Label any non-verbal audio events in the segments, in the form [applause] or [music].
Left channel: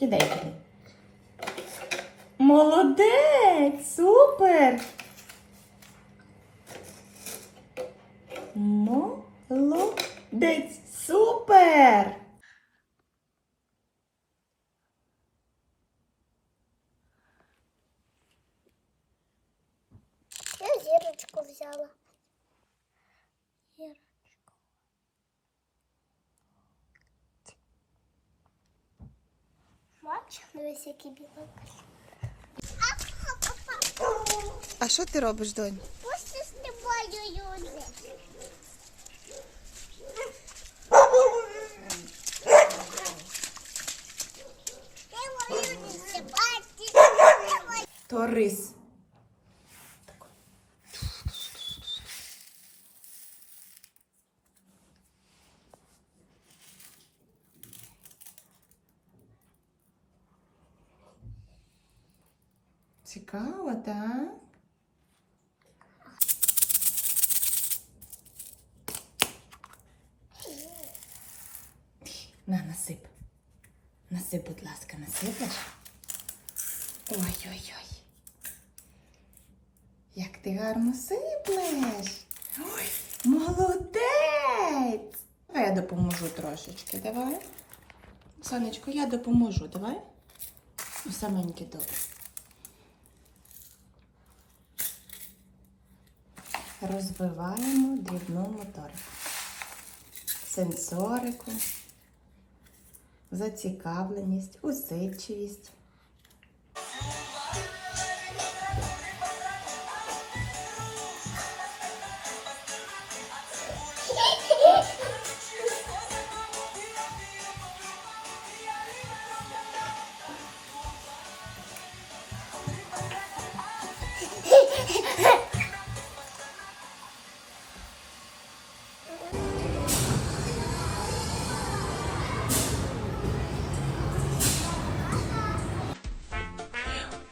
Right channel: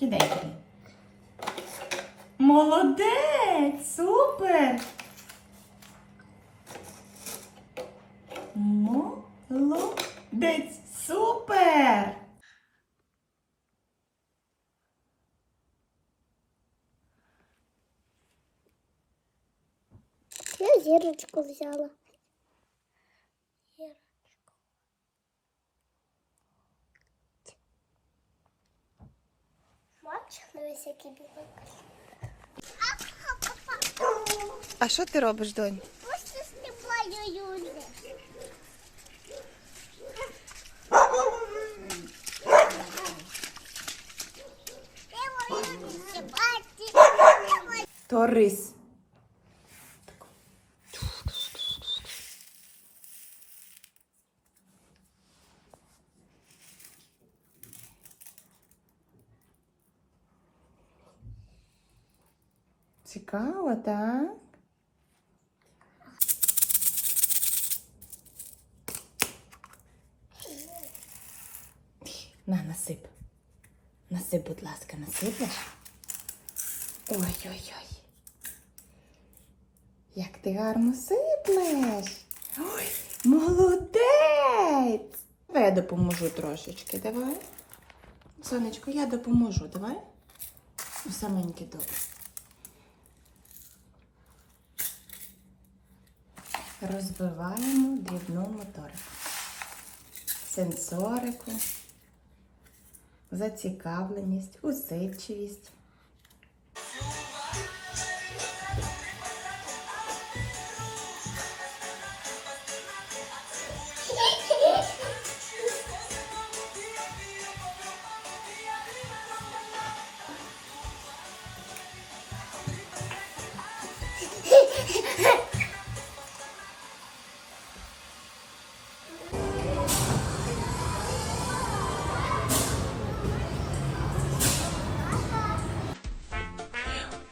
Кидай, кидай. Молодець! Супер! Молодець! Супер! Я зірочку взяла. Зірочку. Бач, дивись, який білок. А що ти робиш, донь? Просто стрибаю люди. Я Цікаво, так? На, насип. Насип, будь ласка, насипеш. Ой-ой-ой. Як ти гарно сиплеш. Ой, молодець! Давай я допоможу трошечки, давай. Сонечко, я допоможу, давай. Ну, Саменьке добре. Розвиваємо дрібну моторику. Сенсорику, зацікавленість, усидчивість.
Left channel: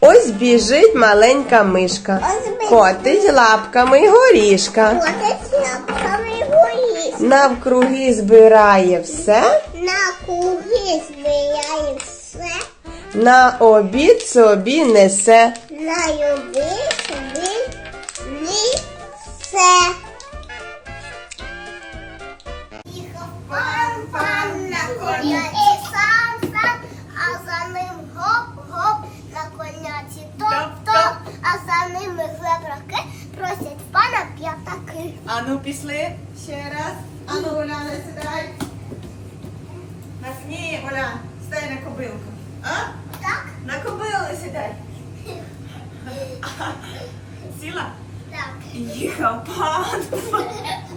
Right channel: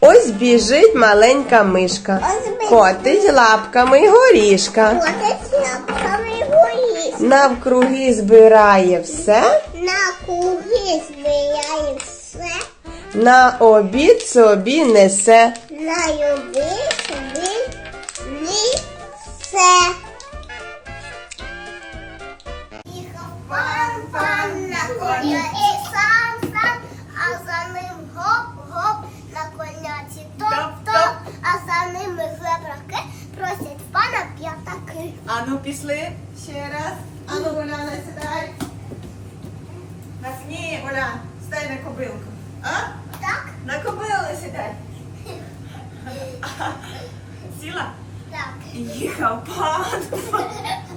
Ось біжить маленька мишка. Котить лапками горішка. Котить лапками горішка. Навкруги збирає все. Навкруги збирає все. На обід собі несе. На люби Ану, пішли ще раз. Ану, Оляна, сідай. На ні, Оля, стай на кобилку. А? Так? На кобилу сідай. [laughs] Сіла? Так. Їхав пан. [laughs]